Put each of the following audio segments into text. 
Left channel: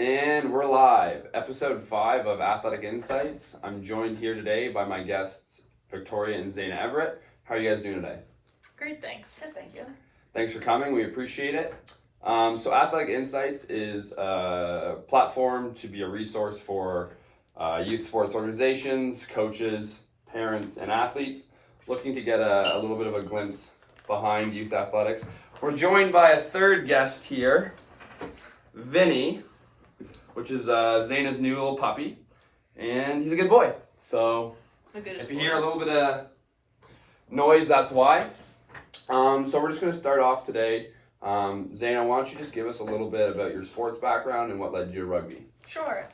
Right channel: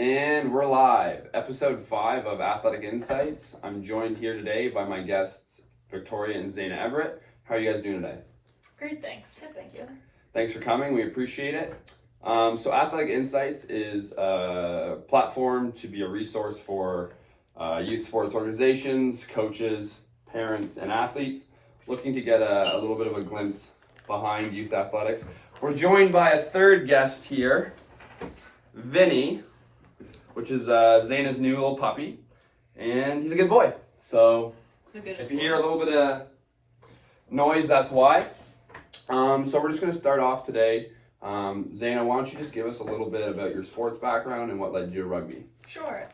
And we're live, episode 5 of Athletic Insights. I'm joined here today by my guests, Victoria and Zana Everett. How are you guys doing today? Great, thanks. Good, thank you. Thanks for coming, we appreciate it. So Athletic Insights is a platform to be a resource for youth sports organizations, coaches, parents, and athletes looking to get a little bit of a glimpse behind youth athletics. We're joined by a third guest here, Vinny, which is Zana's new little puppy, and he's a good boy. So if you hear a little bit of noise, that's why. So we're just going to start off today. Zana, why don't you just give us a little bit about your sports background and what led you to rugby? Sure.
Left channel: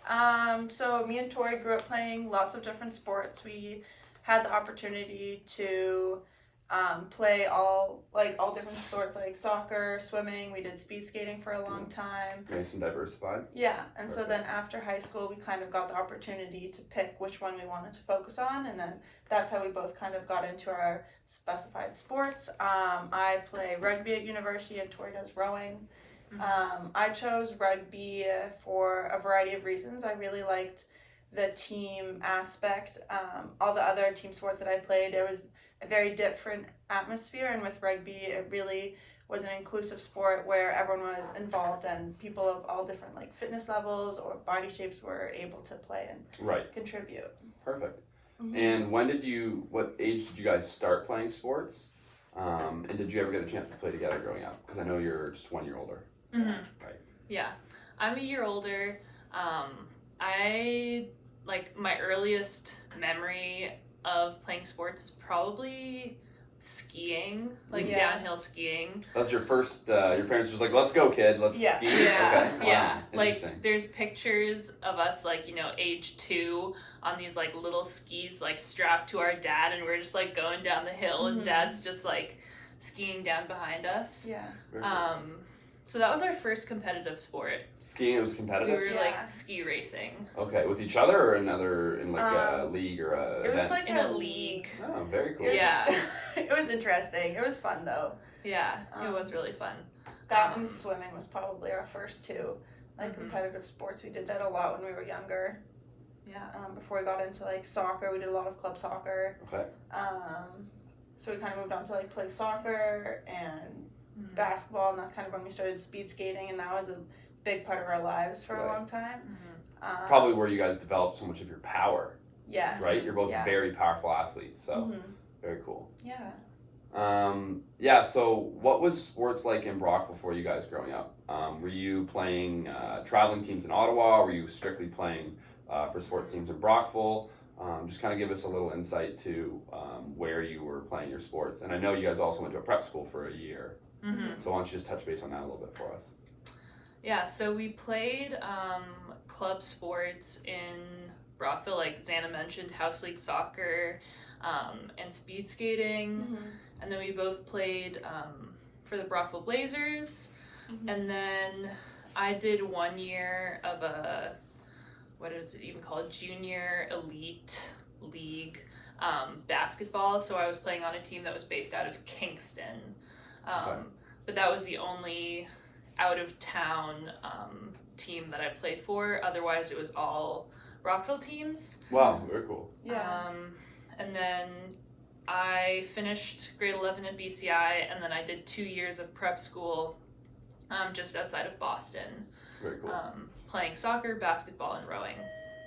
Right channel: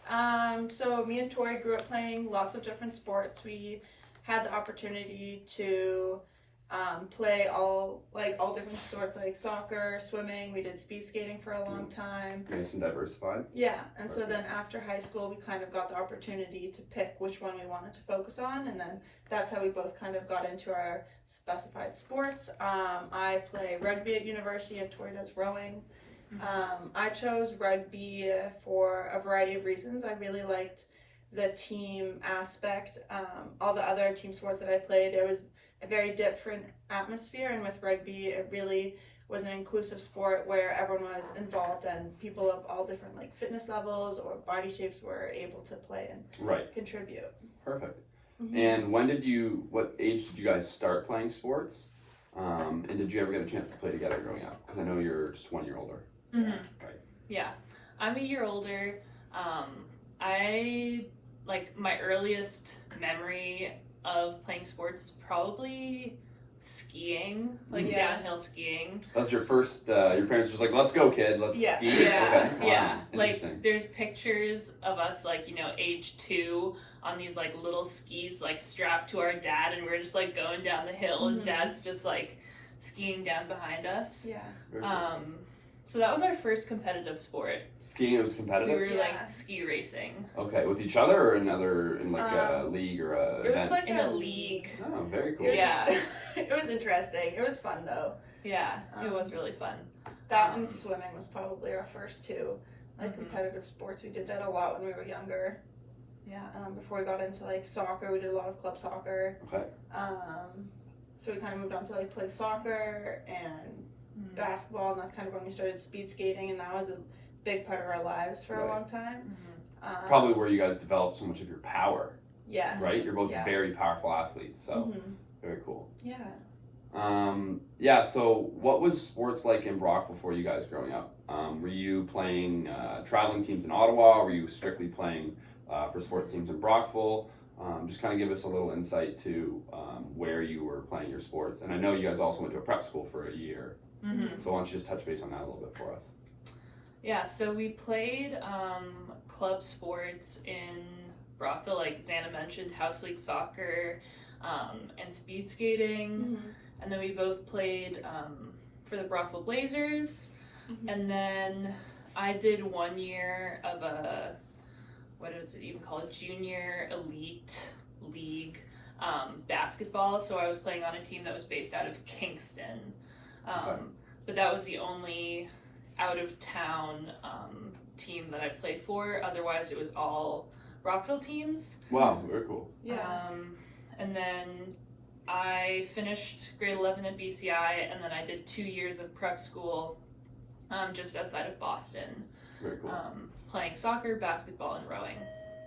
So me and Tori grew up playing lots of different sports. We had the opportunity to play all different sports, like soccer, swimming. We did speed skating for a long time. Nice and diversified. Yeah, and so then after high school, we kind of got the opportunity to pick which one we wanted to focus on, and then that's how we both kind of got into our specified sports. I play rugby at university, and Tori does rowing. I chose rugby for a variety of reasons. I really liked the team aspect. All the other team sports that I played, it was a very different atmosphere, and with rugby it really was an inclusive sport where everyone was involved and people of all different fitness levels or body shapes were able to play and contribute. Perfect. And what age did you guys start playing sports? And did you ever get a chance to play together growing up? Because I know you're just 1 year older. Right. Yeah, I'm a year older. My earliest memory of playing sports is probably skiing, downhill skiing. That's your first, your parents were just like, let's go, kid, let's ski. Yeah, Okay. yeah. Interesting. There's pictures of us, age 2 on these, little skis, strapped to our dad, and we're just, going down the hill, and dad's just, skiing down behind us. Yeah. So that was our first competitive sport. Skiing, it was competitive? We were, ski racing. Okay, with each other or in a league or a it was in a league. Oh, very cool. Yeah. It was interesting. It was fun, though. Yeah, it was really fun. That and swimming was probably our first two competitive sports. We did that a lot when we were younger. Yeah. Before we got into soccer, we did a lot of club soccer. Okay. So we kind of moved on to play soccer and basketball, and that's kind of when we started speed skating, and that was a big part of our lives for a long time. Probably where you guys developed so much of your power. Yes. Right? You're both very powerful athletes, so very cool. Yeah. So what was sports like in Brockville for you guys growing up? Were you playing traveling teams in Ottawa? Were you strictly playing for sports teams in Brockville? Just kind of give us a little insight to where you were playing your sports. And I know you guys also went to a prep school for a year. So why don't you just touch base on that a little bit for us? Yeah, so we played club sports in Brockville, like Zana mentioned, house league soccer and speed skating. And then we both played for the Brockville Blazers. And then I did 1 year of what is it even called, junior elite league basketball. So I was playing on a team that was based out of Kingston. But that was the only out of town team that I played for. Otherwise it was all Brockville teams. Wow, very cool. Yeah. And then I finished grade 11 at BCI, and then I did 2 years of prep school just outside of Boston. Very cool. Playing soccer, basketball, and rowing.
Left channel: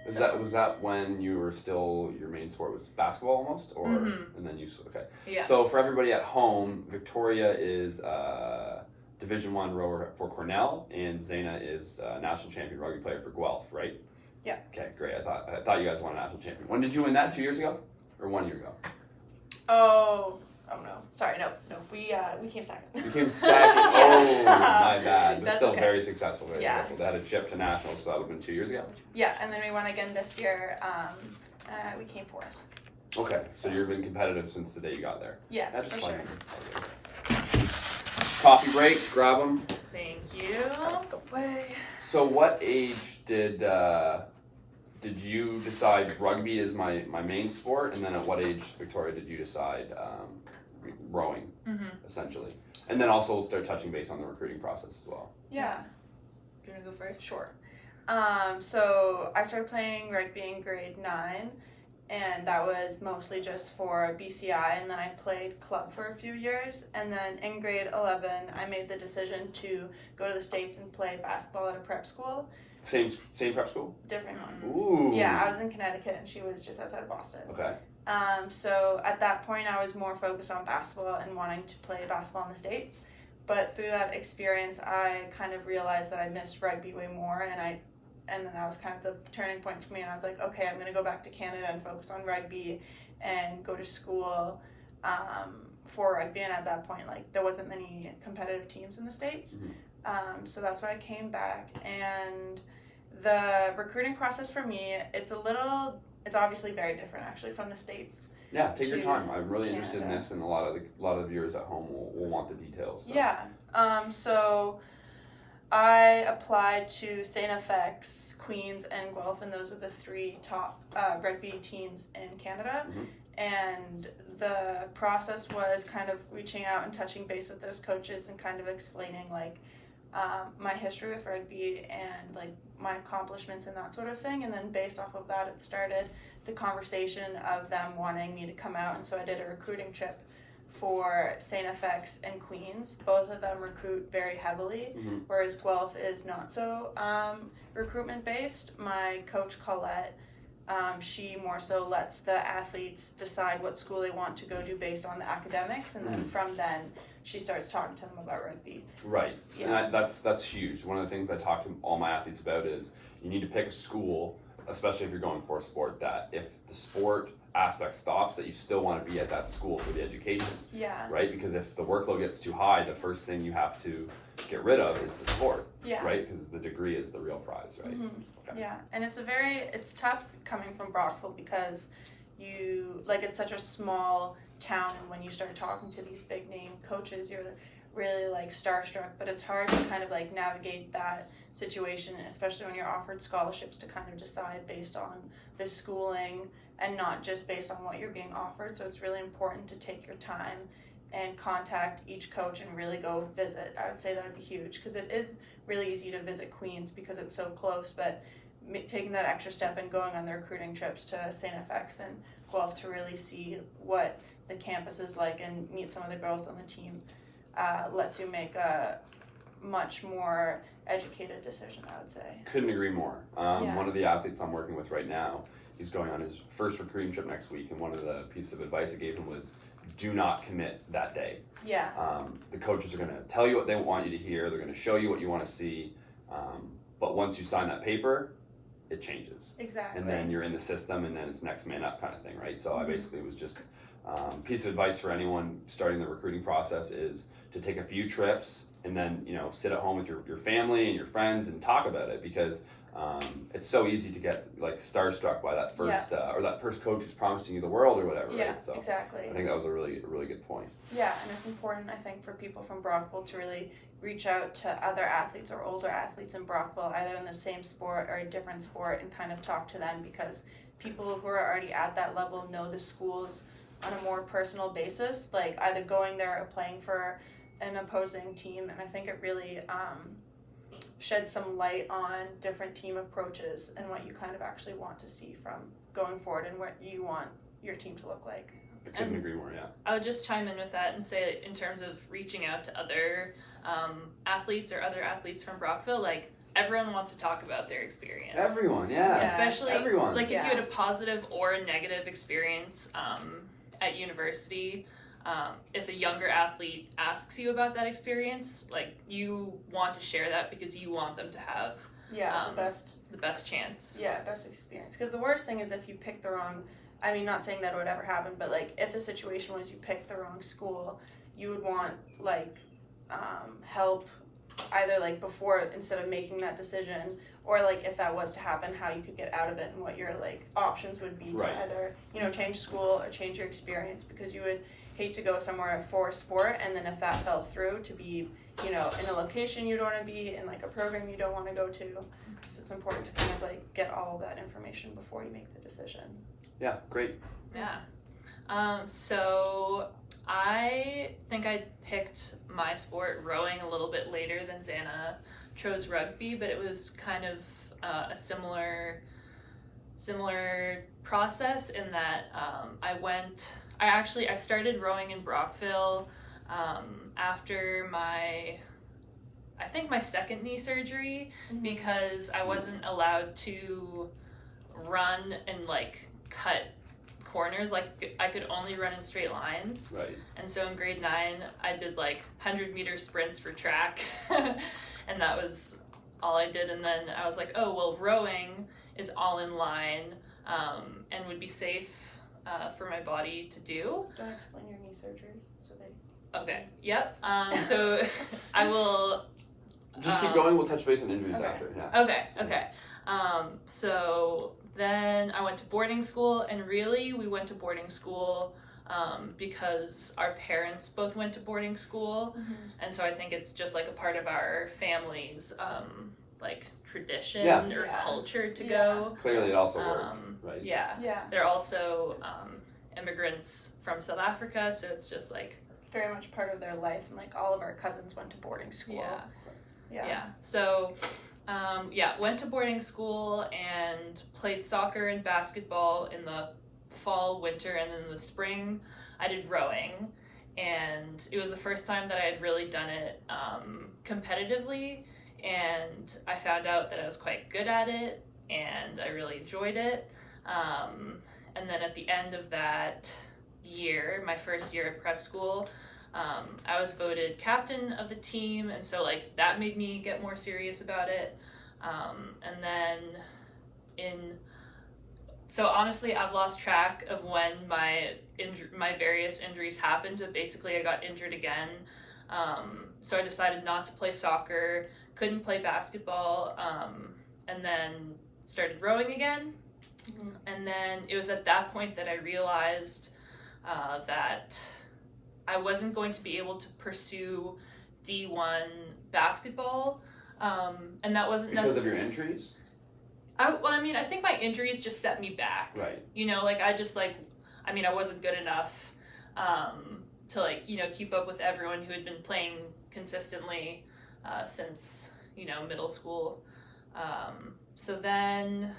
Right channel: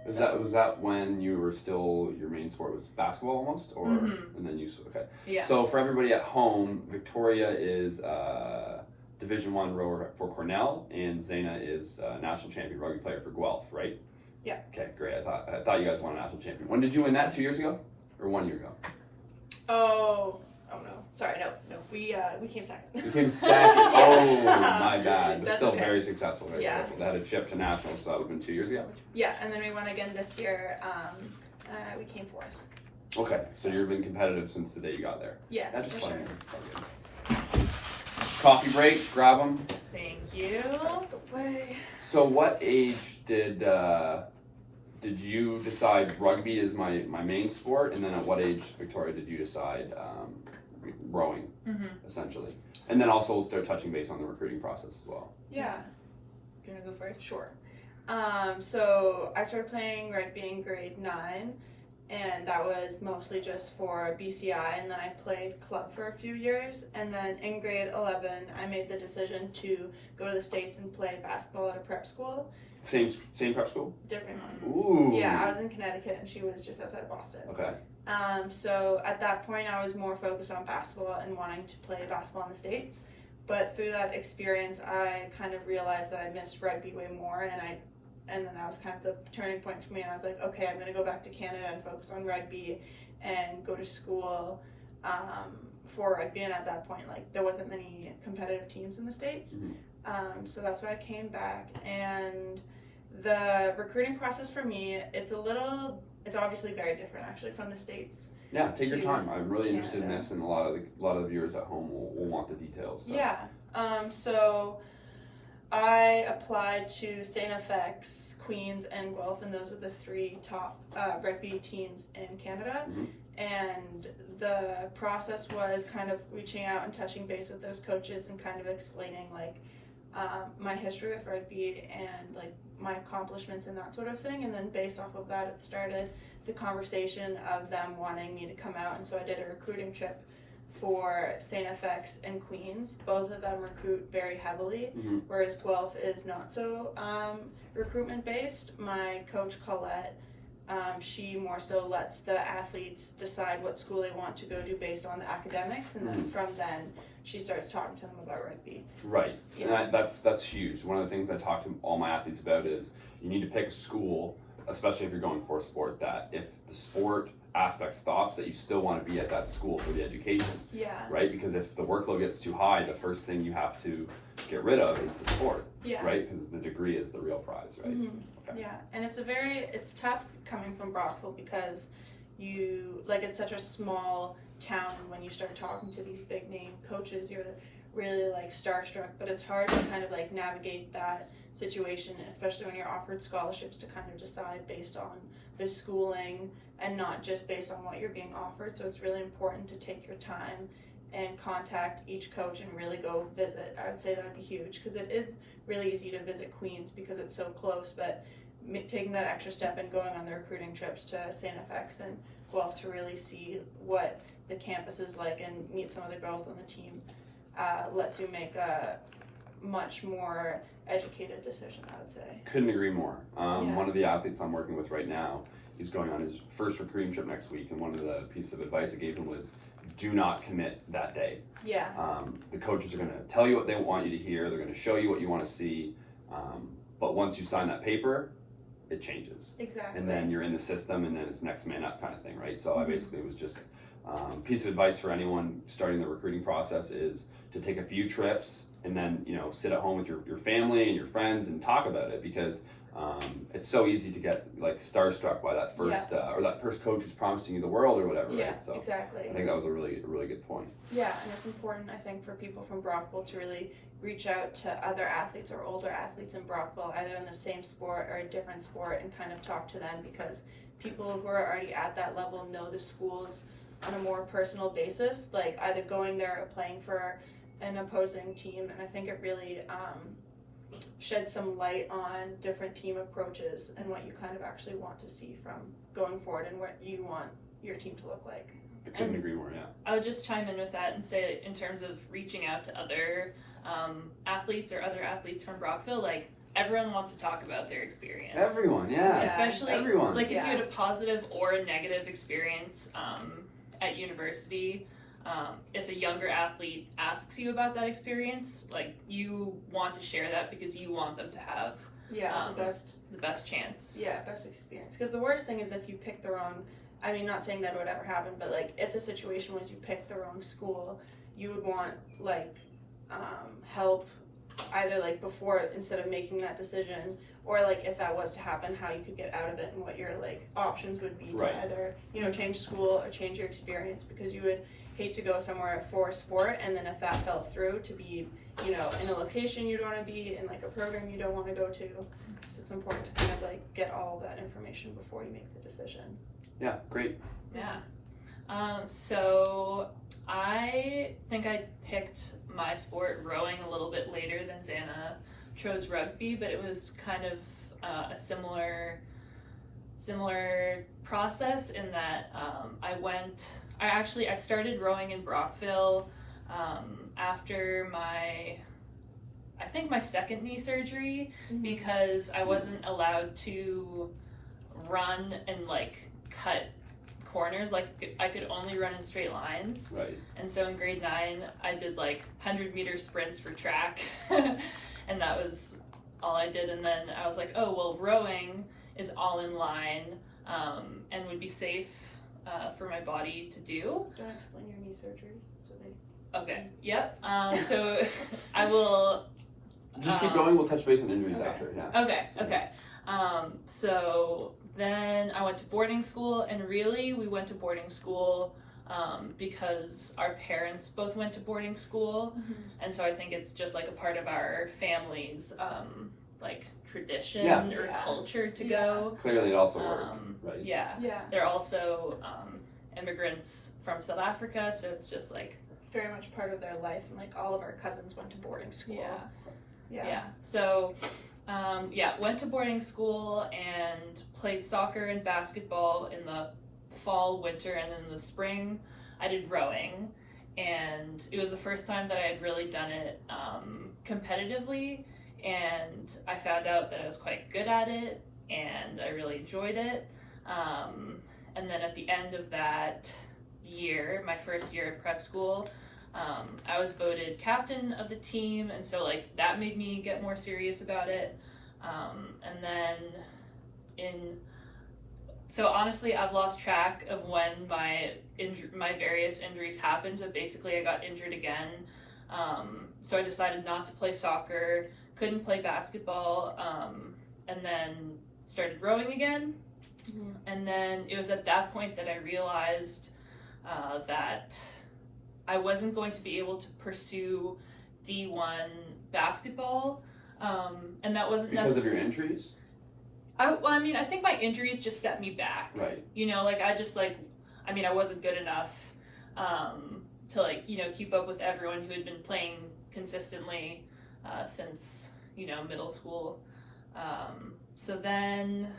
Was that when you were still, your main sport was basketball almost? Or and then you, okay. Yeah. So for everybody at home, Victoria is Division I rower for Cornell, and Zana is national champion rugby player for Guelph, right? Yeah. Okay, great. I thought you guys won a national champion. When did you win that? 2 years ago? Or 1 year ago? Oh no. Sorry, no. We came second. You came second. Oh, my bad. But That's still okay. very successful. Very Yeah. successful. They had a chip to nationals, so that would have been 2 years ago. Yeah, and then we won again this year. We came fourth. Okay, so you've been competitive since the day you got there. Yes, That's just for fun. sure. Okay. Coffee break, grab them. Thank you. So what age did you decide rugby is my main sport, and then at what age, Victoria, did you decide rowing, essentially? And then also we'll start touching base on the recruiting process as well. Yeah. Do you want to go first? Sure. So I started playing rugby in grade 9, and that was mostly just for BCI, and then I played club for a few years, and then in grade 11 I made the decision to go to the States and play basketball at a prep school. Same prep school? Different one. Ooh. Yeah, I was in Connecticut and she was just outside of Boston. Okay. So at that point I was more focused on basketball and wanting to play basketball in the States, but through that experience I kind of realized that I missed rugby way more, and then that was kind of the turning point for me, and I was like, okay, I'm going to go back to Canada and focus on rugby and go to school for rugby. And at that point, like, there wasn't many competitive teams in the States. Mm-hmm. So that's why I came back. And the recruiting process for me, it's obviously very different actually from the States. Yeah, take your time. I'm really interested in Canada. this, and a lot of the viewers at home will want the details. So. Yeah. So I applied to St. FX, Queens, and Guelph, and those are the 3 top rugby teams in Canada. Mm-hmm. And the process was kind of reaching out and touching base with those coaches and kind of explaining like my history with rugby and like my accomplishments and that sort of thing. And then based off of that, it started the conversation of them wanting me to come out. And so I did a recruiting trip for St. FX and Queens. Both of them recruit very heavily, Mm-hmm. whereas Guelph is not so recruitment based. My coach Colette, she more so lets the athletes decide what school they want to go to based on the academics, and then from then she starts talking to them about rugby. Right, Yeah. and that's huge. One of the things I talk to all my athletes about is you need to pick a school, especially if you're going for a sport, that if the sport aspect stops, that you still want to be at that school for the education, Yeah. right? Because if the workload gets too high, the first thing you have to get rid of is the sport, Yeah. right? Because the degree is the real prize, right? Mm-hmm. Okay. Yeah, and it's tough coming from Brockville because it's such a small town, and when you start talking to these big name coaches, you're really like starstruck, but it's hard to kind of like navigate that situation, especially when you're offered scholarships, to kind of decide based on the schooling and not just based on what you're being offered. So it's really important to take your time and contact each coach and really go visit. I would say that'd be huge, because it is really easy to visit Queens because it's so close, but taking that extra step and going on the recruiting trips to St. FX and Guelph to really see what the campus is like and meet some of the girls on the team lets you make a much more educated decision, I would say. Couldn't agree more. Yeah. One of the athletes I'm working with right now, he's going on his first recruiting trip next week, and one of the pieces of advice I gave him was, do not commit that day. Yeah. The coaches are going to tell you what they want you to hear. They're going to show you what you want to see. But once you sign that paper, it changes. Exactly. And then you're in the system, and then it's next man up kind of thing, right? So I basically was just piece of advice for anyone starting the recruiting process is to take a few trips and then, sit at home with your family and your friends and talk about it, because it's so easy to get like starstruck by that first or that first coach who's promising you the world or whatever, Yeah, right? So exactly. I think that was a really good point. Yeah, and it's important, I think, for people from Brockville to really reach out to other athletes or older athletes in Brockville, either in the same sport or a different sport, and kind of talk to them, because people who are already at that level know the schools on a more personal basis, like either going there or playing for an opposing team. And I think it really sheds some light on different team approaches and what you kind of actually want to see from going forward and what you want your team to look like. I couldn't agree more, yeah. I would just chime in with that and say, in terms of reaching out to other athletes or other athletes from Brockville, like, everyone wants to talk about their experience. Everyone, yeah. Especially, everyone. like, if you had a positive or a negative experience at university, if a younger athlete asks you about that experience, like, you want to share that because you want them to have the best chance. Yeah, best experience. Because the worst thing is if you pick the wrong, I mean, not saying that would ever happen, but like if the situation was you picked the wrong school, you would want like help either like before, instead of making that decision, or like if that was to happen, how you could get out of it and what your like options would be to either change school or change your experience, because you would hate to go somewhere for a sport and then if that fell through to be in a location you don't want to be, in like a program you don't want to go to. So it's important to kind of like get all of that information before you make the decision. Yeah, great. Yeah. So I think I picked my sport, rowing, a little bit later than Zana chose rugby, but it was kind of a similar process in that I started rowing in Brockville after my second knee surgery, because I wasn't allowed to run and like cut corners. Like I could only run in straight lines. Right. And so in grade 9 I did like 100-meter sprints for track and that was all I did. And then I was like, oh well, rowing is all in line and would be safe for my body to do. Do you want to explain your knee surgeries? Okay. Yep. So I will Just keep going. We'll touch base on injuries after. Yeah. Okay. So then I went to boarding school, and really we went to boarding school because our parents both went to boarding school, and so I think it's just like a part of our family's like tradition or culture to go. Clearly, it also worked. Right. Yeah. They're also immigrants from South Africa, so it's just like very much part of their life, and like all of our cousins went to boarding school. So went to boarding school and played soccer and basketball in the fall, winter, and then in the spring I did rowing, and it was the first time that I had really done it competitively, and I found out that I was quite good at it and I really enjoyed it. And then at the end of that year, my first year at prep school, I was voted captain of the team, and so like that made me get more serious about it. And then so honestly, I've lost track of when my various injuries happened, but basically I got injured again. So I decided not to play soccer, couldn't play basketball, and then started rowing again. And then it was at that point that I realized that I wasn't going to be able to pursue D1 basketball, and that wasn't because of your injuries. I think my injuries just set me back. Right. You know, like I wasn't good enough to like, you know, keep up with everyone who had been playing consistently since, you know, middle school. So then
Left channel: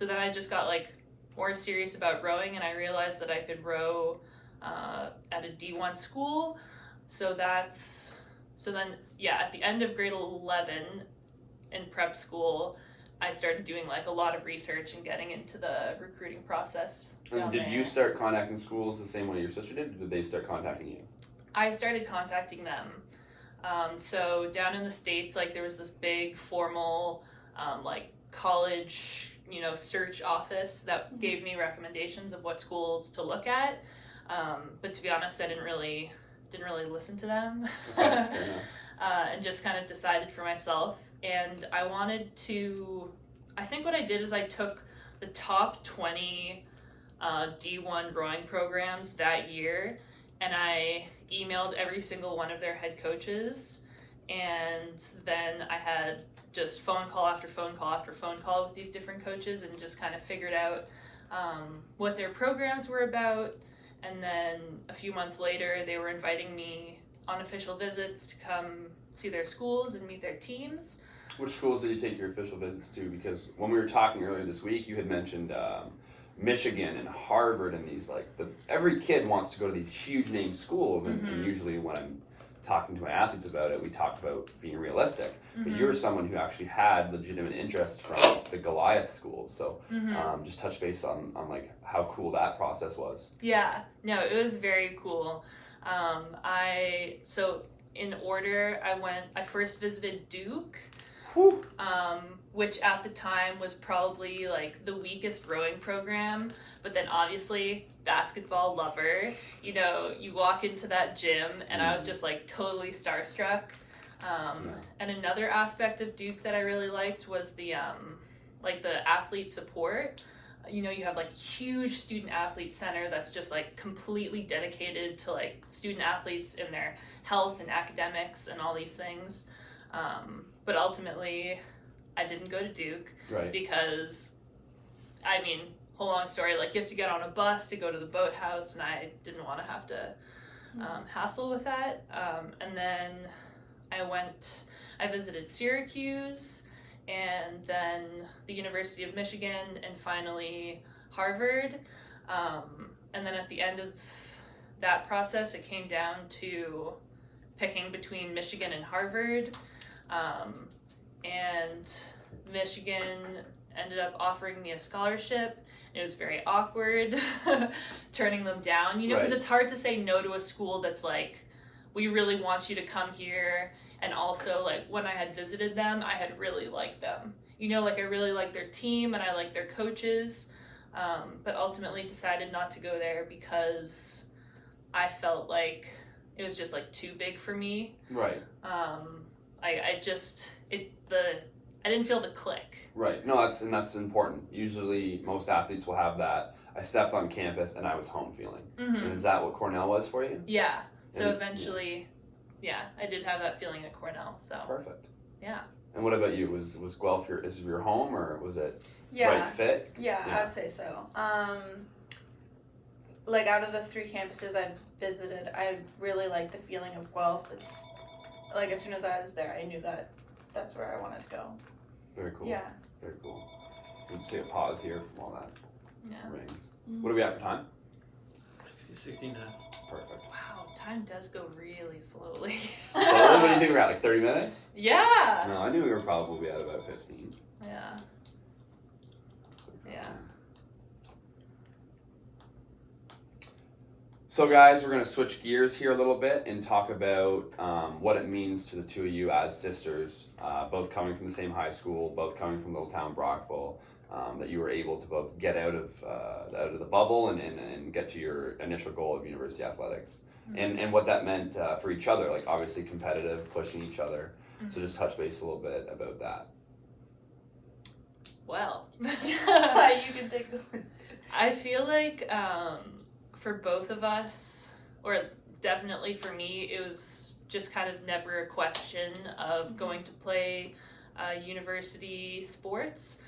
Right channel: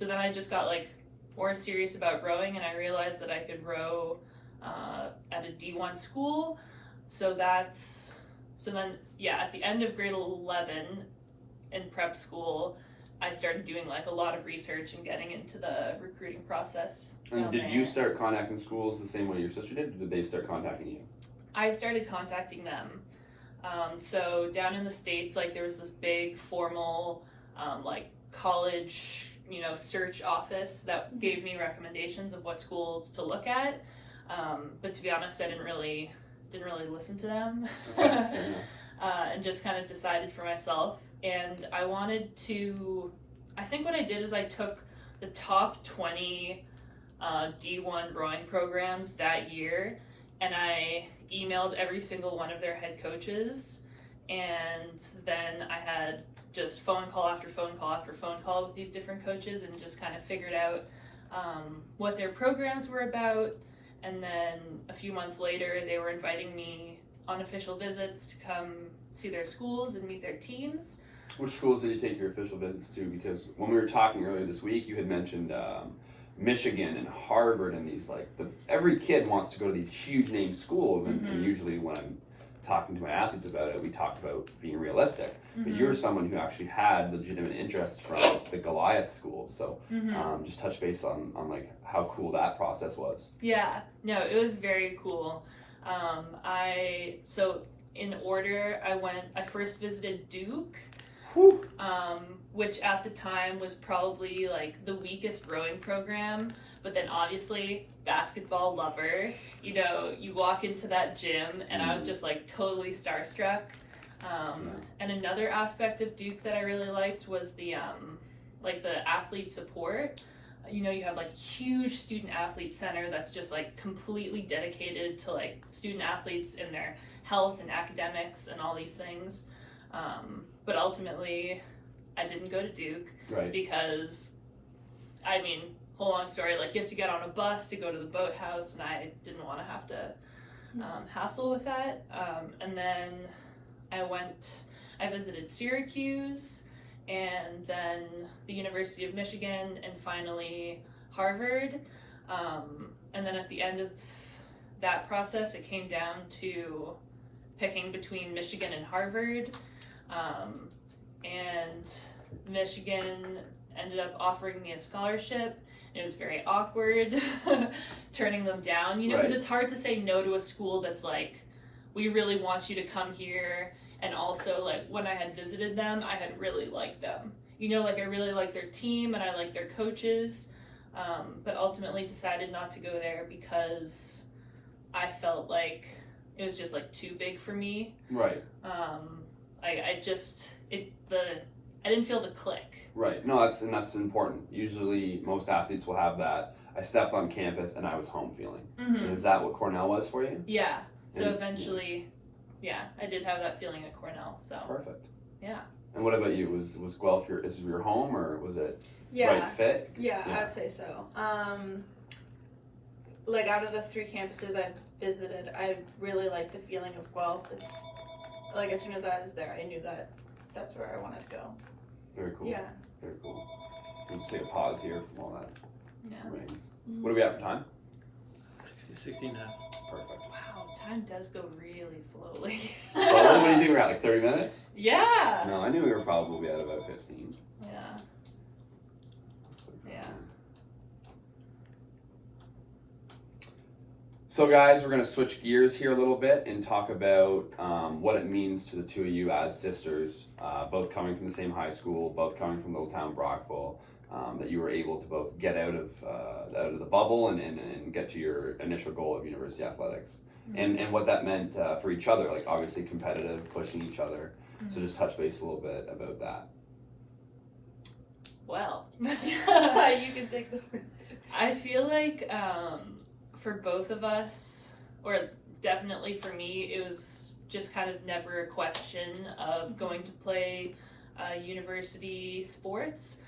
I just got like more serious about rowing, and I realized that I could row at a D1 school. So then at the end of grade 11 in prep school, I started doing like a lot of research and getting into the recruiting process. And did you start contacting schools the same way your sister did, or did they start contacting you? I started contacting them. So down in the States, like there was this big formal like college, you know, search office that gave me recommendations of what schools to look at. But to be honest, I didn't really listen to them. And just kind of decided for myself. And I think what I did is I took the top 20 D1 rowing programs that year, and I emailed every single one of their head coaches, and then I had just phone call after phone call after phone call with these different coaches, and just kind of figured out what their programs were about. And then a few months later, they were inviting me on official visits to come see their schools and meet their teams. Which schools did you take your official visits to? Because when we were talking earlier this week, you had mentioned Michigan and Harvard, and these every kid wants to go to these huge name schools, and usually when I'm talking to my athletes about it, we talk about being realistic. But you're someone who actually had legitimate interest from the Goliath schools, so just touch base on like how cool that process was. Yeah, no, it was very cool. In order, I first visited Duke, which at the time was probably like the weakest rowing program, but then obviously basketball lover, you know, you walk into that gym and I was just like totally starstruck. And another aspect of Duke that I really liked was the athlete support. You know, you have like huge student athlete center that's just like completely dedicated to like student athletes in their health and academics and all these things. But ultimately, I didn't go to Duke because, whole long story, like you have to get on a bus to go to the boathouse, and I didn't want to have to hassle with that. And then I visited Syracuse, and then the University of Michigan, and finally Harvard. And then at the end of that process, it came down to picking between Michigan and Harvard. And Michigan ended up offering me a scholarship. It was very awkward turning them down, you know, because it's hard to say no to a school that's like, we really want you to come here. And also, like, when I had visited them, I had really liked them. You know, like, I really liked their team and I liked their coaches, but ultimately decided not to go there because I felt like it was just, like, too big for me. Right. I didn't feel the click. Right. No, that's important. Usually, most athletes will have that. I stepped on campus and I was home feeling. Mm-hmm. And is that what Cornell was for you? Yeah. So eventually, I did have that feeling at Cornell. So perfect. Yeah. And what about you? Was Guelph your home, or was it right fit? Yeah, I'd say so. Like, out of the 3 campuses I've visited, I really like the feeling of Guelph. It's like, as soon as I was there, I knew that that's where I wanted to go. Very cool. Yeah. Very cool. Let's take a pause here from all that. Yeah. Rings. What do we have for time? 16 now. Perfect. Wow, time does go really slowly. So what do you think we're at, like 30 minutes? Yeah. No, I knew we were probably at about 15. Yeah. Yeah. So guys, we're going to switch gears here a little bit and talk about what it means to the two of you as sisters, both coming from the same high school, both coming from little town Brockville, that you were able to both get out of the bubble and get to your initial goal of university athletics. Mm-hmm. And what that meant for each other, like obviously competitive, pushing each other. Mm-hmm. So just touch base a little bit about that. Well, you can take the... I feel like for both of us, or definitely for me, it was just kind of never a question of going to play university sports.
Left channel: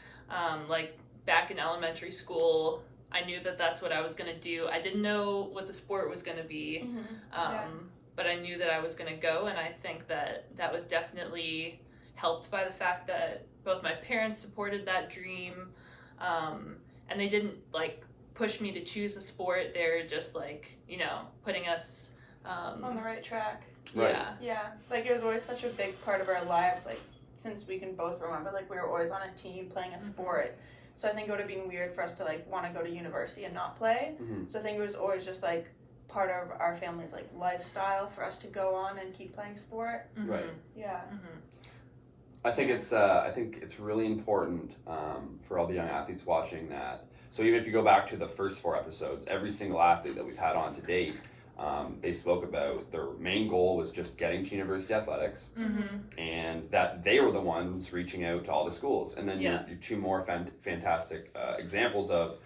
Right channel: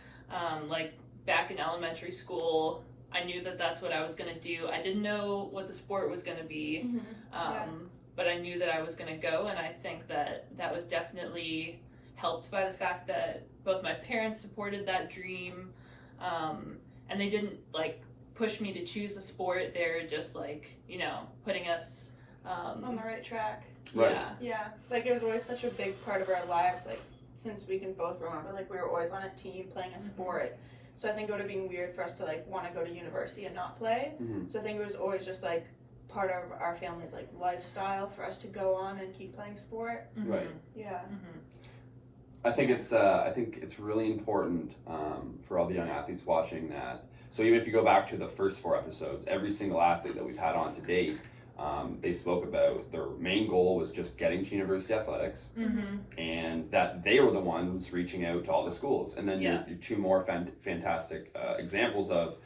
Like back in elementary school, I knew that that's what I was going to do. I didn't know what the sport was going to be, but I knew that I was going to go, and I think that was definitely helped by the fact that both my parents supported that dream, and they didn't like push me to choose a sport. They're just like, you know, putting us on the right track. Right. Yeah, like it was always such a big part of our lives, like since we can both remember, like we were always on a team playing a sport. So I think it would have been weird for us to like want to go to university and not play. Mm-hmm. So I think it was always just like part of our family's like lifestyle for us to go on and keep playing sport. Mm-hmm. Right. Yeah. Mm-hmm. I think it's really important for all the young athletes watching that. So even if you go back to the first 4 episodes, every single athlete that we've had on to date, they spoke about their main goal was just getting to university athletics, and that they were the ones reaching out to all the schools. And then your 2 more fantastic examples of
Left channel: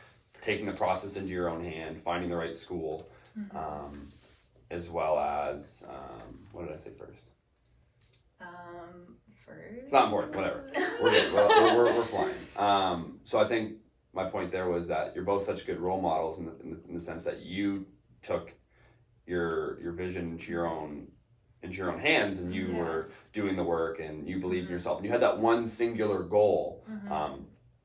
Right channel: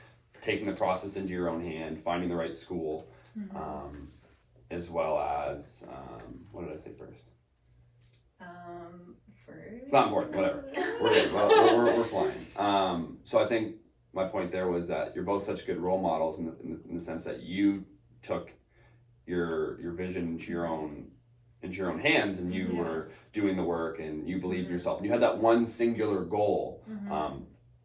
taking the process into your own hand, finding the right school, as well as what did I say first? It's not important. Whatever. We're good. We're flying. So I think my point there was that you're both such good role models in the sense that you took your vision into your own hands, and you were doing the work, and you believed in yourself, and you had that one singular goal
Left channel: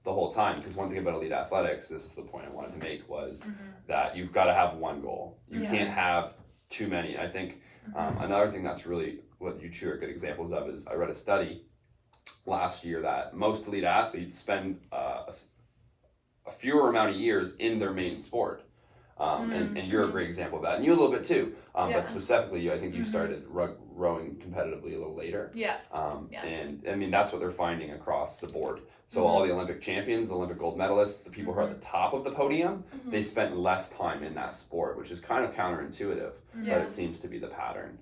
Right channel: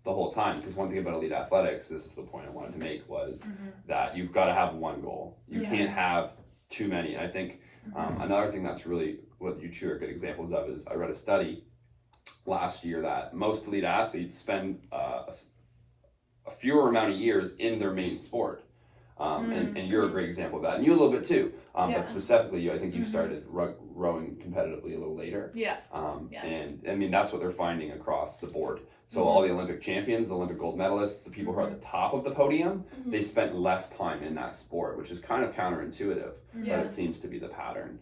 the whole time. Because one thing about elite athletics, this is the point I wanted to make, was that you've got to have one goal. You can't have too many. I think another thing that's really what you two are good examples of is I read a study last year that most elite athletes spend a fewer amount of years in their main sport. And you're a great example of that, and you a little bit too. But specifically, you, I think you started rowing competitively a little later. And I mean, that's what they're finding across the board. So all the Olympic champions, the Olympic gold medalists, the people who are at the top of the podium, they spent less time in that sport, which is kind of counterintuitive, but it seems to be the pattern.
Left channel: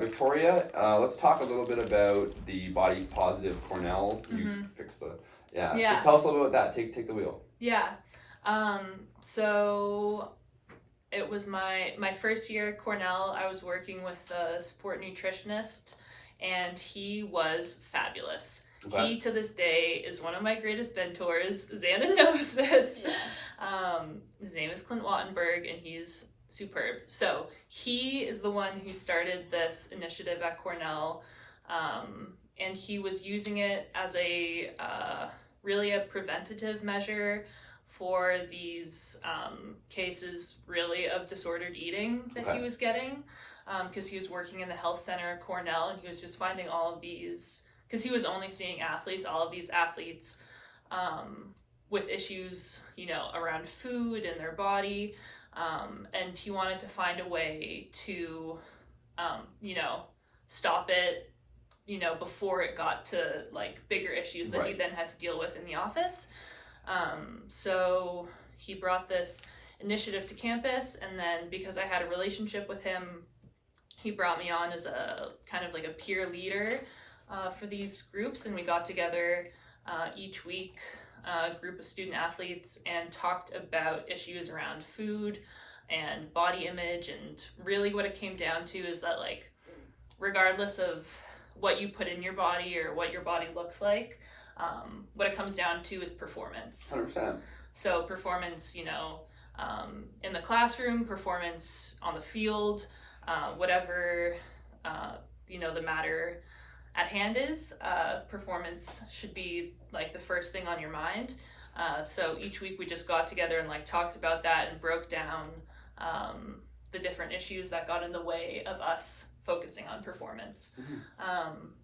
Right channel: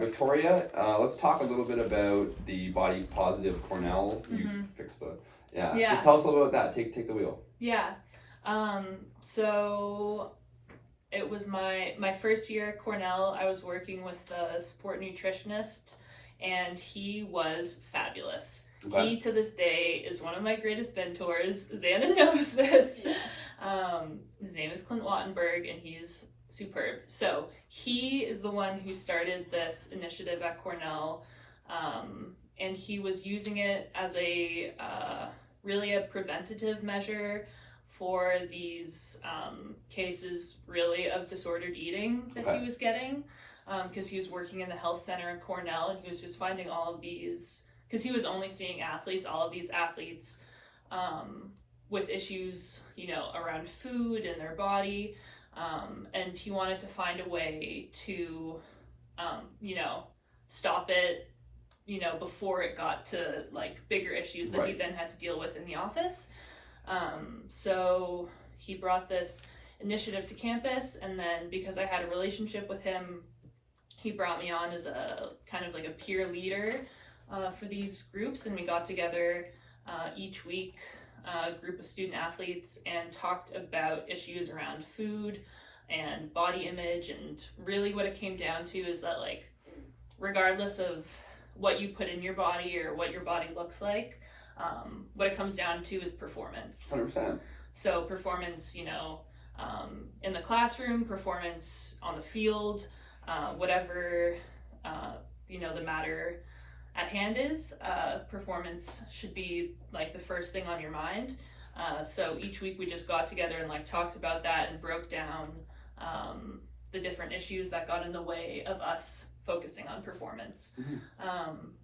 Victoria, let's talk a little bit about the body positive Cornell. You fixed the just tell us a little bit about that. Take the wheel. So it was my first year at Cornell. I was working with a sport nutritionist, and he was fabulous. Okay. He, to this day, is one of my greatest mentors. Zana knows this. His name is Clint Wattenberg, and he's superb. So he is the one who started this initiative at Cornell, and he was using it as a really a preventative measure for these cases really of disordered eating that he was getting, because he was working in the health center at Cornell, and he was just finding all of these, because he was only seeing athletes, all of these athletes with issues, you know, around food and their body, and he wanted to find a way to, you know, stop it, you know, before it got to like bigger issues that he then had to deal with in the office. So he brought this initiative to campus, and then because I had a relationship with him, he brought me on as a kind of like a peer leader for these groups, and we got together each week, a group of student athletes, and talked about issues around food and body image. And really what it came down to is that, like, regardless of what you put in your body or what your body looks like, what it comes down to is performance. 100%. So performance, you know, in the classroom, performance on the field, whatever, you know, the matter at hand is, performance should be like the first thing on your mind. So each week we just got together and like talked about that and broke down the different issues that got in the way of us focusing on performance.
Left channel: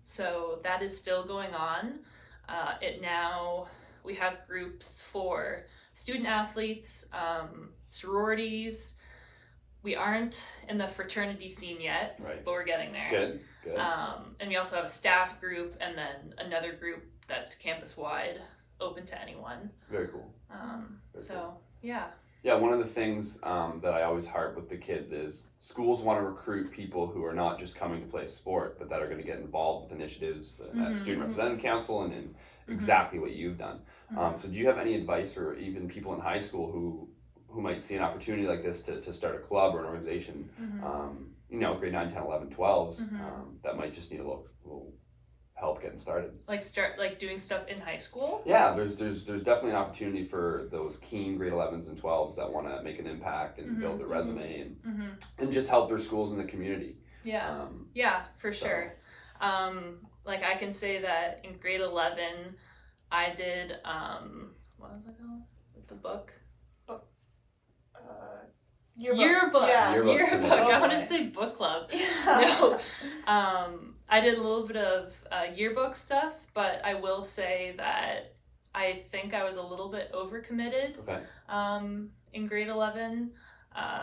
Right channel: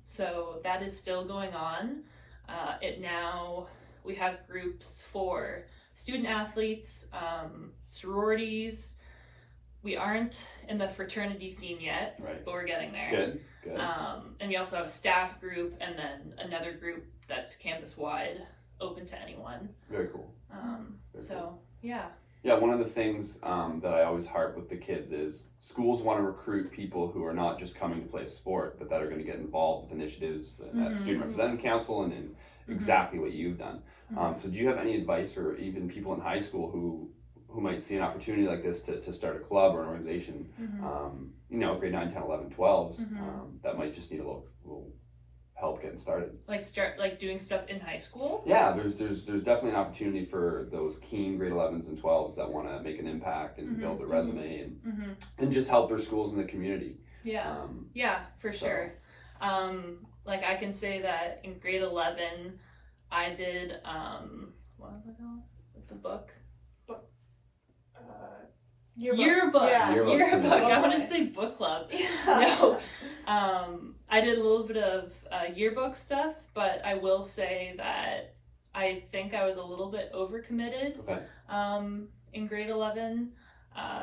So that is still going on. We have groups for student athletes, sororities. We aren't in the fraternity scene yet, but we're getting there. Good. And we also have a staff group, and then another group that's campus-wide, open to anyone. Very cool. Yeah. Yeah, one of the things that I always harp with the kids is schools want to recruit people who are not just coming to play sport, but that are going to get involved with initiatives at Student Representative Council and exactly what you've done. So do you have any advice for even people in high school who might see an opportunity like this to start a club or an organization, you know, grade 9, 10, 11, 12s, that might just need a little help getting started? Like doing stuff in high school? Yeah, there's definitely an opportunity for those keen grade 11s and 12s that want to make an impact and build their resume and just help their schools in the community. Yeah, for sure. Like I can say that in grade 11, I did, what was it called? What's the book? Yearbook. Yeah. Yearbook. Oh, I wanted to say book club. Yeah. No. I did a little bit of yearbook stuff, but I will say that I think I was a little bit overcommitted in grade 11.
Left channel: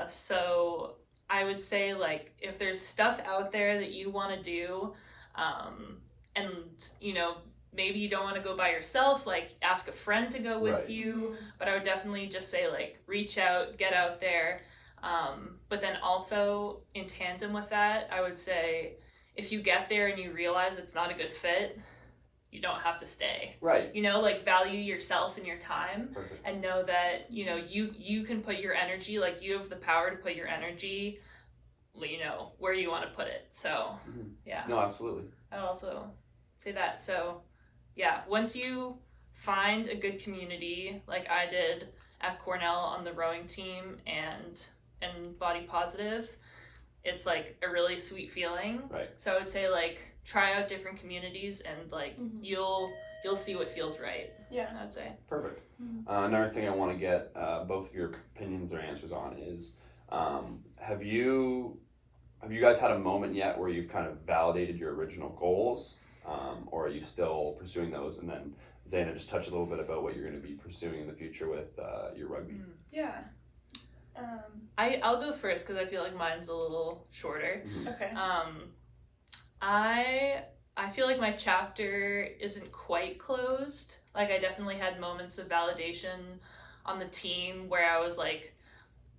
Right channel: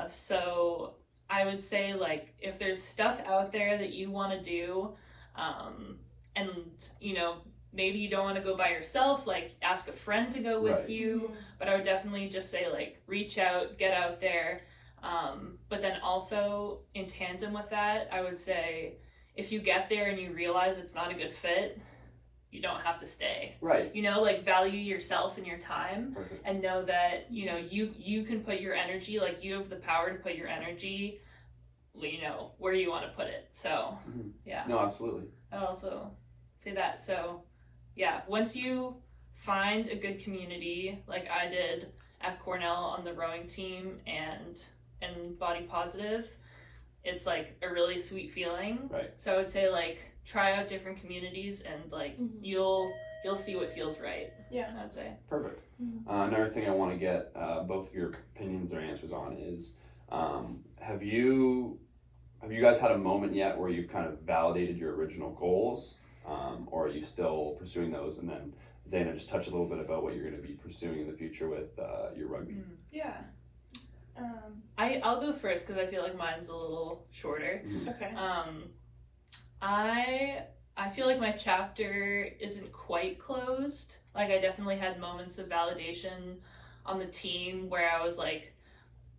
So I would say, like, if there's stuff out there that you want to do, and, you know, maybe you don't want to go by yourself, like ask a friend to go with you, but I would definitely just say, like, reach out, get out there. But then also in tandem with that, I would say if you get there and you realize it's not a good fit, you don't have to stay. Right. You know, like, value yourself and your time and know that, you know, you can put your energy, like, you have the power to put your energy, you know, where you want to put it. So, yeah. No, absolutely. I'd also say that. So, yeah, once you find a good community, like I did at Cornell on the rowing team and Body Positive, it's like a really sweet feeling. Right. So I would say, like, try out different communities and, like, you'll see what feels right. Yeah. I would say. Perfect. Another thing I want to get both of your opinions or answers on is, have you guys had a moment yet where you've kind of validated your original goals, or are you still pursuing those? And then Zana, just touch a little bit about what you're going to be pursuing in the future with your rugby. Yeah. I'll go first because I feel like mine's a little shorter. Okay. I feel like my chapter isn't quite closed. Like, I definitely had moments of validation on the team where I was, like,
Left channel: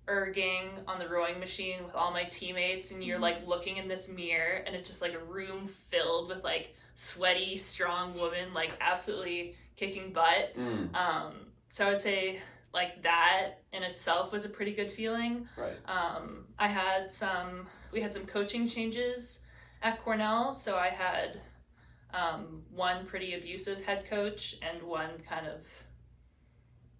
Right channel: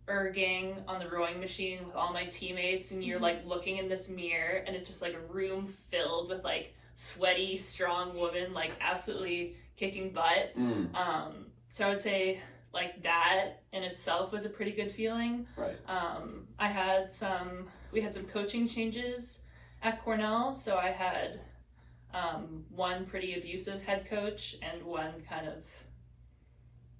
erging on the rowing machine with all my teammates, and you're, like, looking in this mirror, and it's just, like, a room filled with, like, sweaty, strong women, like, absolutely kicking butt. So I would say, like, that in itself was a pretty good feeling. Right. We had some coaching changes at Cornell, so I had one pretty abusive head coach and one kind of,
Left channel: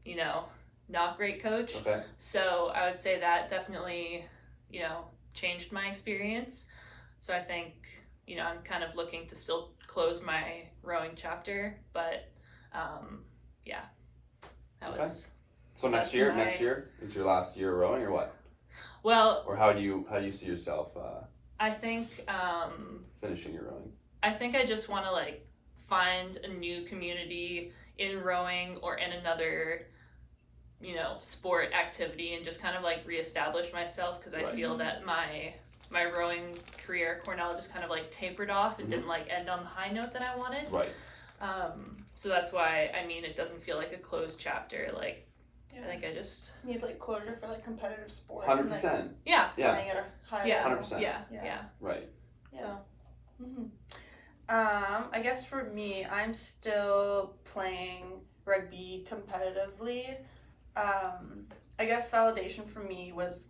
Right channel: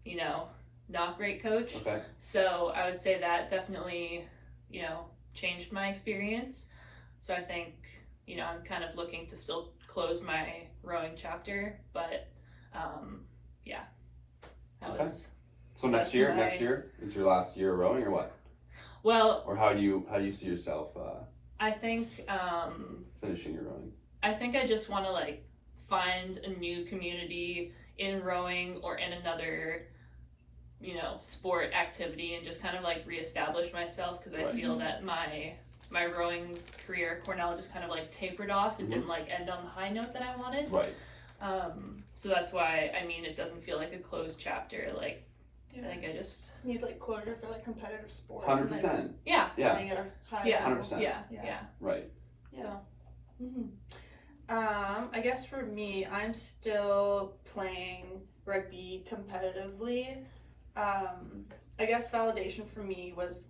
you know, not great coach. Okay. So I would say that definitely, you know, changed my experience. So I think you know, I'm kind of looking to still close my rowing chapter, but yeah, that Okay. was. So next year is your last year of rowing, or what? Well, or how do you see yourself I think finishing your rowing? I think I just want to like find a new community in rowing or in another, you know, sport activity, and just kind of like reestablish myself, because I feel that my rowing career at Cornell just kind of like tapered off and didn't like end on the high note that I wanted. Right. So that's why, I mean, it doesn't feel like a closed chapter. Like, I think I just need like closure for like competitive sport. 100%. Yeah. Yeah. At a higher Yeah. level. 100%. Yeah. Right. So. I guess for me, I'm still playing rugby competitively. I guess validation for me was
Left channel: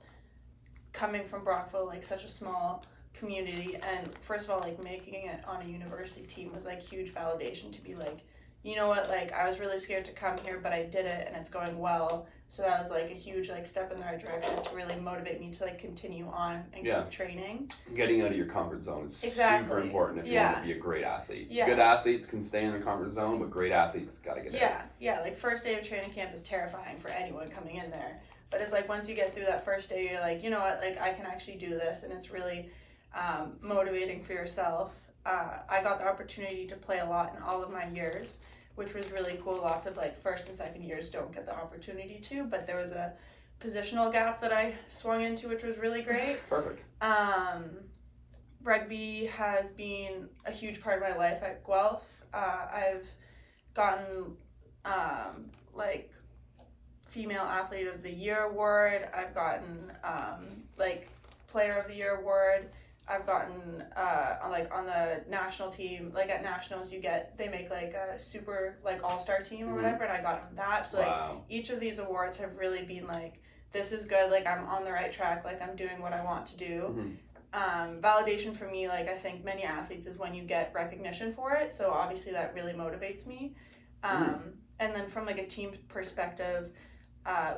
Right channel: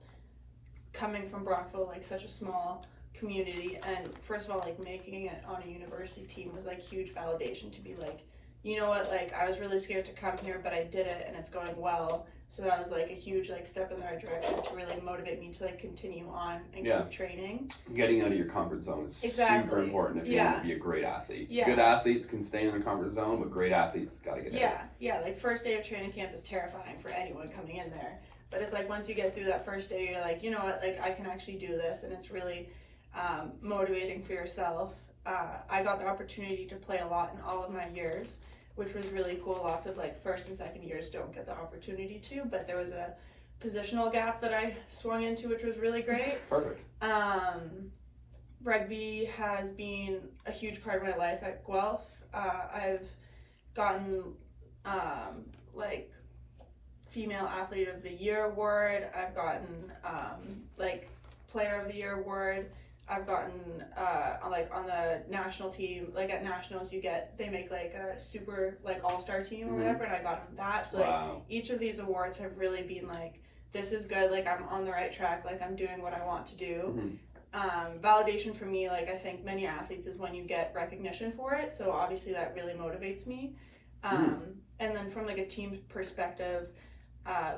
coming from Brockville, like such a small community, and first of all, like making it on a university team was like huge validation to be like, you know what, like I was really scared to come here, but I did it and it's going well. So that was like a huge like step in the right direction to really motivate me to like continue on and keep training. Getting out of your comfort zone is super important if you want to be a great athlete. Good athletes can stay in their comfort zone, but great athletes gotta get out. Yeah, like first day of training camp is terrifying for anyone coming in there. But it's like once you get through that first day, you're like, you know what, like I can actually do this, and it's really motivating for yourself. I got the opportunity to play a lot in all of my years, which was really cool. Lots of like first and second years don't get the opportunity to, but there was a positional gap that I swung into, which was really great. Perfect. Rugby has been a huge part of my life at Guelph. I've gotten like Female Athlete of the Year award. I've gotten like Player of the Year award. I've gotten on the national team, like at nationals they make like a super like all-star team or whatever, and I got that. So like each of these awards have really been like, this is good, like I'm on the right track, like I'm doing what I want to do. Validation for me, like I think many athletes, is when you get recognition for it, so obviously that really motivates me. And then from like a team perspective,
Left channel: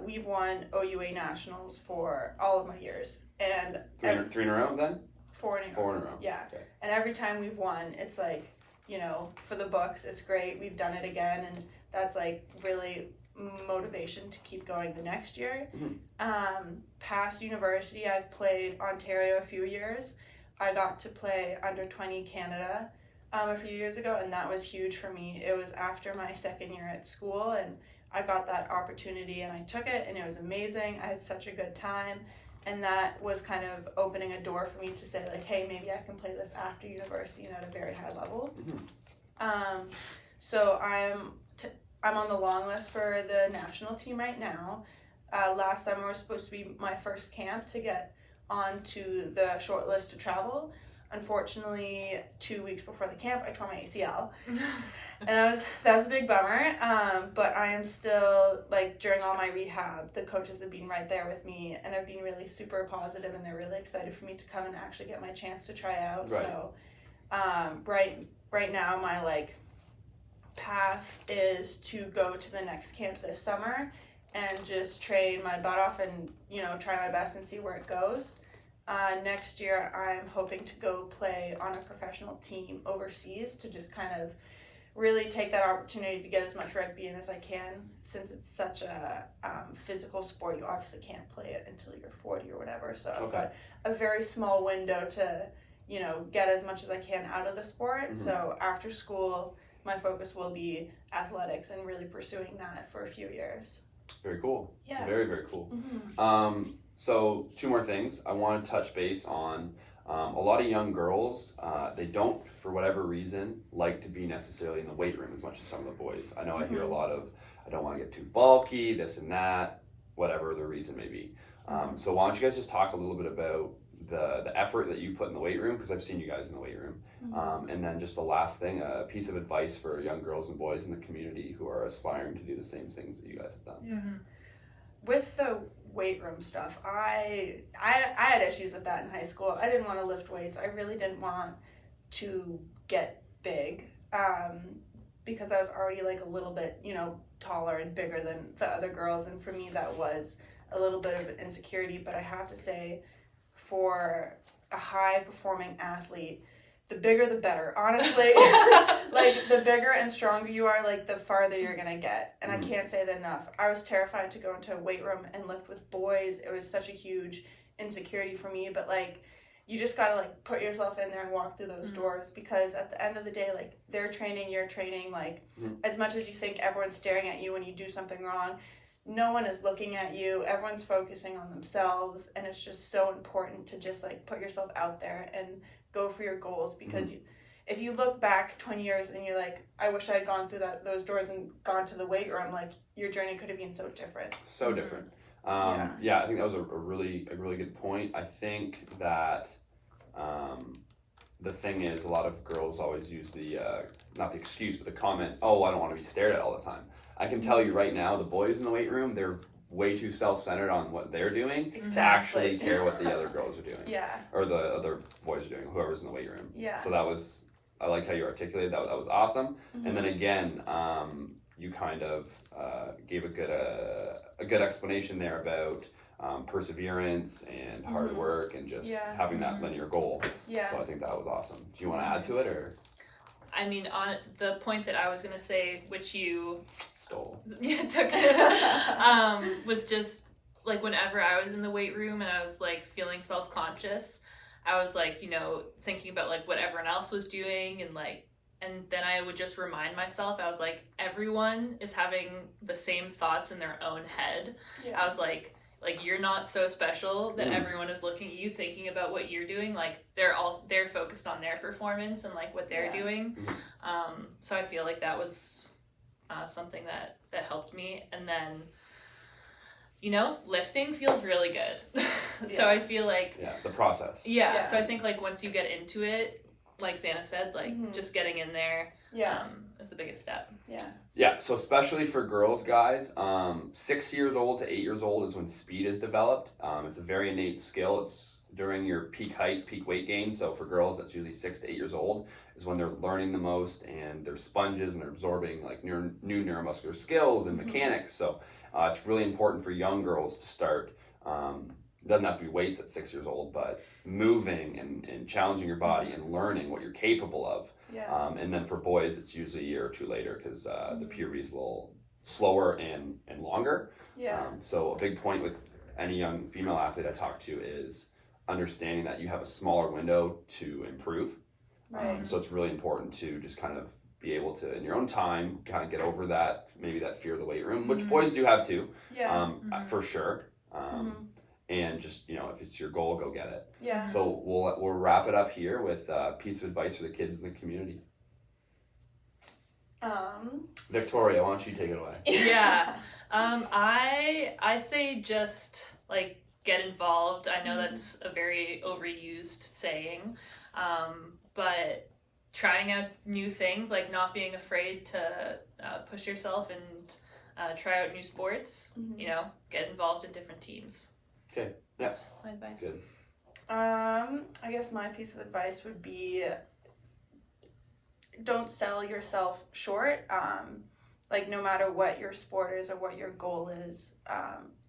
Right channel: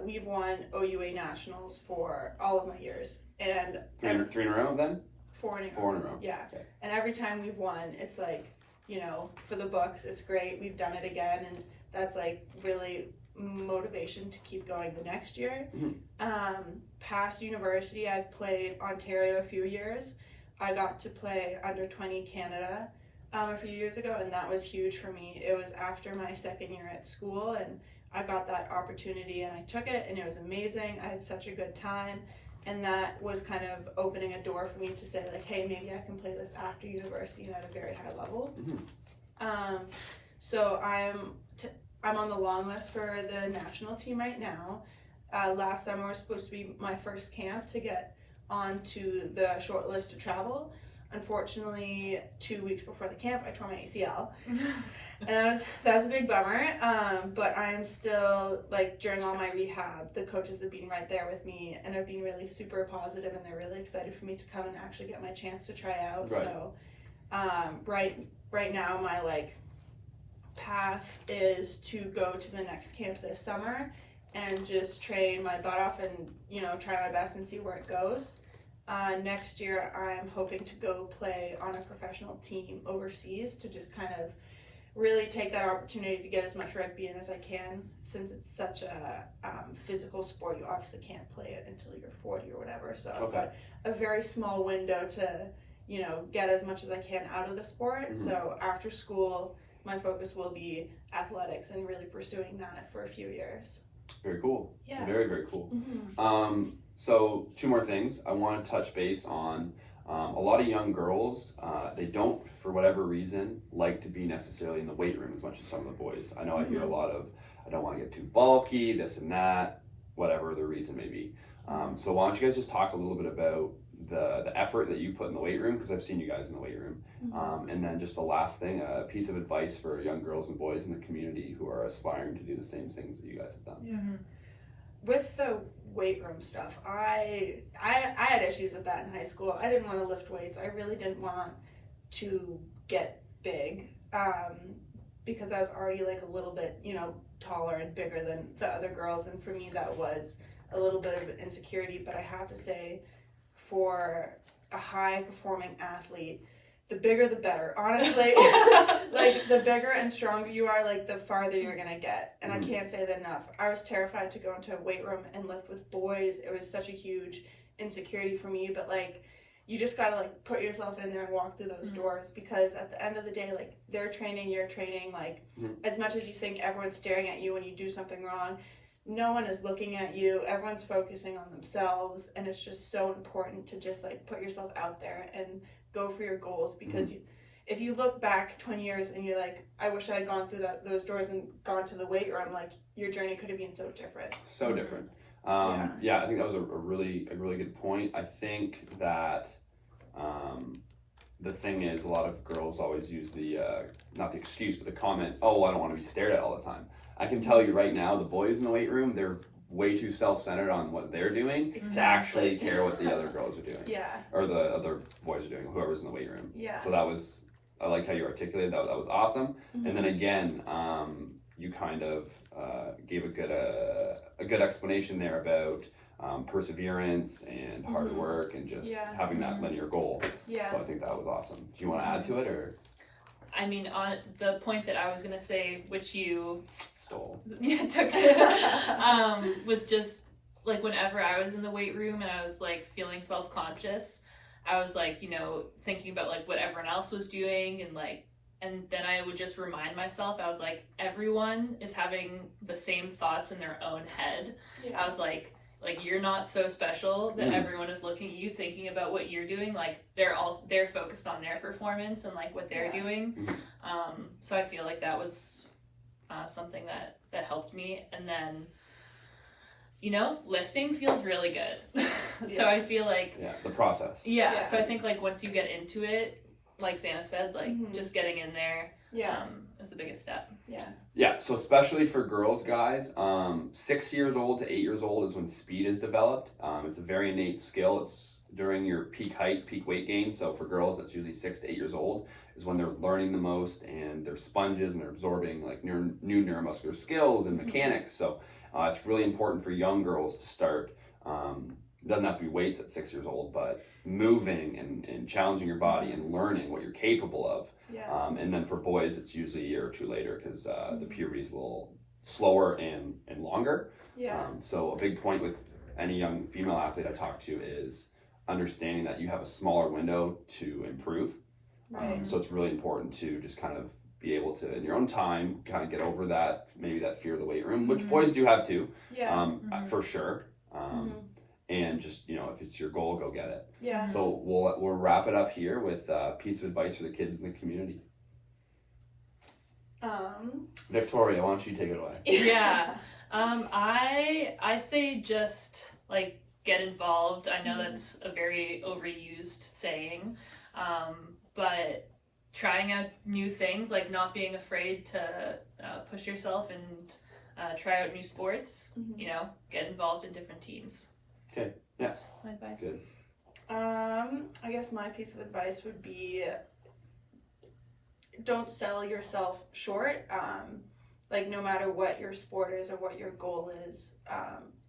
we've won OUA nationals for all of my years, and three in a row then? Four in a row. Yeah. Okay. And every time we've won, it's like, you know, for the books, it's great. We've done it again, and that's like really motivation to keep going the next year. Past university, I've played Ontario a few years. I got to play under 20 Canada a few years ago, and that was huge for me. It was after my second year at school, and I got that opportunity, and I took it, and it was amazing. I had such a good time. And that was kind of opening a door for me to say like, hey, maybe I can play this after university and at a very high level. So I'm on the long list for the national team right now. Last summer was supposed to be my first camp to get onto the short list to travel. Unfortunately, 2 weeks before the camp, I tore my ACL. And that was a big bummer, but I am still, like, during all my rehab, the coaches have been right there with me, and have been really super positive, and they're really excited for me to come and actually get my chance to try out. Right. So right now my like path is to go to the next camp this summer and just train my butt off and, you know, try my best and see where it goes. Next year I'm hoping to go play on a professional team overseas to just kind of really take that opportunity to get as much rugby in as I can, since it's such a physical sport. You obviously can't play it until you're 40 or whatever, so I've got a very small window to, you know, get as much as I can out of the sport. So after school, my focus will be athletics and really pursuing that for a few years. Very cool. Yeah. Very, very cool. So 2 more things. I want to touch base on a lot of young girls, they don't, for whatever reason, like to be necessarily in the weight room as much as some of the boys. I know I hear a lot of, I don't want to get too bulky, this and that, whatever the reason may be. So why don't you guys just talk a little bit about the effort that you put in the weight room, because I've seen you guys in the weight room. And then just the last thing, a piece of advice for young girls and boys in the community who are aspiring to do the same things that you guys have done. With the weight room stuff, I had issues with that in high school. I didn't want to lift weights. I really didn't want to get big, because I was already like a little bit, you know, taller and bigger than the other girls, and for me that was a little bit of insecurity. But I have to say, for a high performing athlete, the bigger the better. Honestly, like the bigger and stronger you are, like the farther you're gonna get. And I can't say that enough. I was terrified to go into a weight room and lift with boys. It was such a huge insecurity for me, but like you just gotta like put yourself in there and walk through those doors, because at the end of the day, like they're training, you're training. Like as much as you think everyone's staring at you when you do something wrong, no one is looking at you. Everyone's focusing on themselves, and it's just so important to just like put yourself out there and go for your goals, because if you look back 20 years and you're like, I wish I had gone through those doors and gone to the weight room, like your journey could have been so different. So different. Yeah, I think that was a really good point. I think that the thing is, a lot of girls always use the not the excuse, but the comment, oh, I don't want to be stared at all the time. I can tell you right now, the boys in the weight room, they're way too self-centered on what they're doing to actually care what the other girls are doing. Or the other boys are doing, whoever's in the weight room. So that was, I like how you articulated that. That was awesome. And then again, you kind of gave a good explanation there about perseverance and hard work and just having that linear goal. So I think that was awesome. Do you want to add to it, or? I mean, on the point that I was gonna say, which you stole, took, was just like whenever I was in the weight room and I was like feeling self-conscious, I was like, you know, thinking about like what everyone else was doing, and then I would just remind myself, I was like, everyone is having the same thoughts in their own head. I was like you're not so special that everyone is looking at you thinking about what you're doing. Like they're focused on their performance and like what they're doing. So I feel like that was something that helped me. And then, you know, lifting feels really good. So I feel like the process. So I think like once you get into it, like Zana said, like just getting in there is the biggest step. So especially for girls, guys, 6 years old to 8 years old is when speed is developed. It's a very innate skill. It's during your peak height, peak weight gain. So for girls, that's usually 6 to 8 years old is when they're learning the most, and they're sponges and they're absorbing like new neuromuscular skills and mechanics. So it's really important for young girls to start. It doesn't have to be weights at 6 years old, but moving and challenging your body and learning what you're capable of. And then for boys, it's usually a year or two later, because the puberty is a little slower and longer. So a big point with any young female athlete I talk to is understanding that you have a smaller window to improve. So it's really important to just kind of be able to, in your own time, kind of get over that, maybe that fear of the weight room, which boys do have too, for sure. And just, you know, if it's your goal, go get it. So we'll wrap it up here with a piece of advice for the kids in the community. Victoria, why don't you take it away? I say just like get involved. I know that's a very overused saying, but trying out new things, like not being afraid to push yourself and try out new sports. You know, get involved in different teams. Okay. That's my advice. Good. I guess my piece of advice would be, don't sell yourself short. Like no matter what your sport is or what your goal is,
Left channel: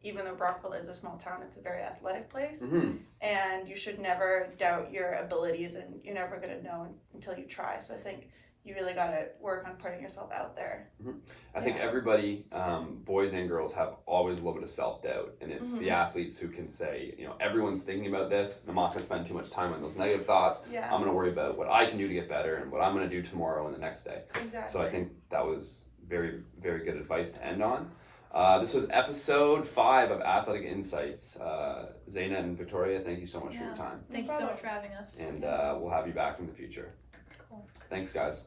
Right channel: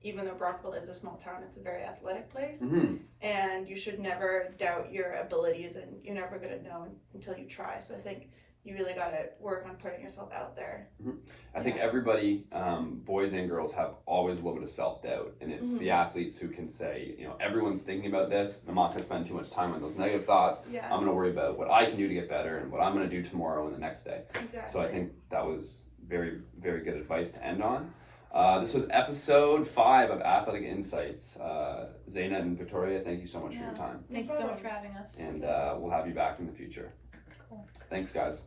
even though Brockville is a small town, it's a very athletic place, and you should never doubt your abilities, and you're never going to know until you try. So I think you really got to work on putting yourself out there. I think everybody, boys and girls, have always a little bit of self-doubt, and it's the athletes who can say, you know, everyone's thinking about this. I'm not going to spend too much time on those negative thoughts. I'm going to worry about what I can do to get better and what I'm going to do tomorrow and the next day. So I think that was very, very good advice to end on. This was episode 5 of Athletic Insights. Zana and Victoria, thank you so much for your time. Thank you so much for having us. And we'll have you back in the future. Cool. Thanks, guys.